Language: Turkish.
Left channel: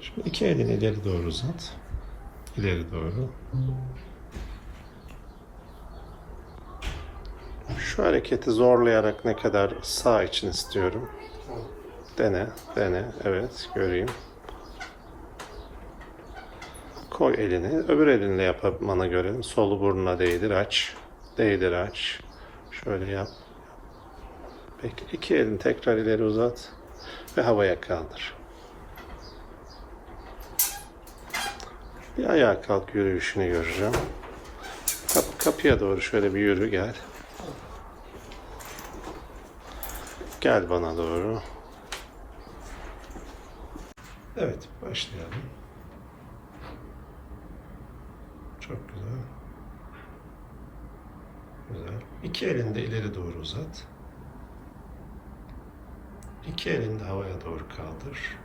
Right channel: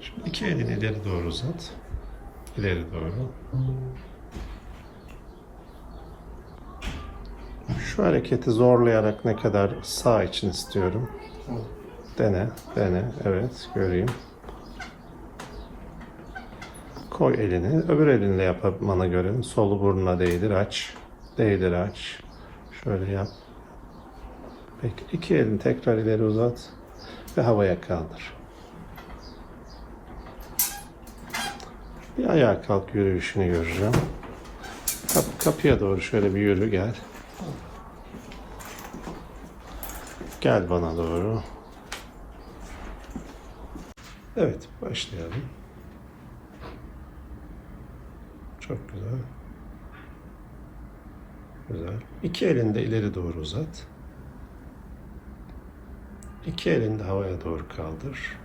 Şimdi iki elini ileri doğru uzat. İleri doğru. Şu hareketi zorlayarak ne kadar sağ için istiyorum. Dene, dene. Evet, göreyim. Koy elini. Öbür elinle yapmanı görün. Solu burnuna değdir, aç. Değdir, aç. Şöyle yap. Peki iki elini tekrar ileri uzat ve havaya kaldır. Bir ayağa kalk yürüyüşünü göreceğim. Kap- kapıya doğru şöyle bir yürü gel. Gel bana doğru. Evet, başlayalım. Çok güzel. Güzel. İki elini de ileri doğru uzat. İki elini de havaya doğru kaldır.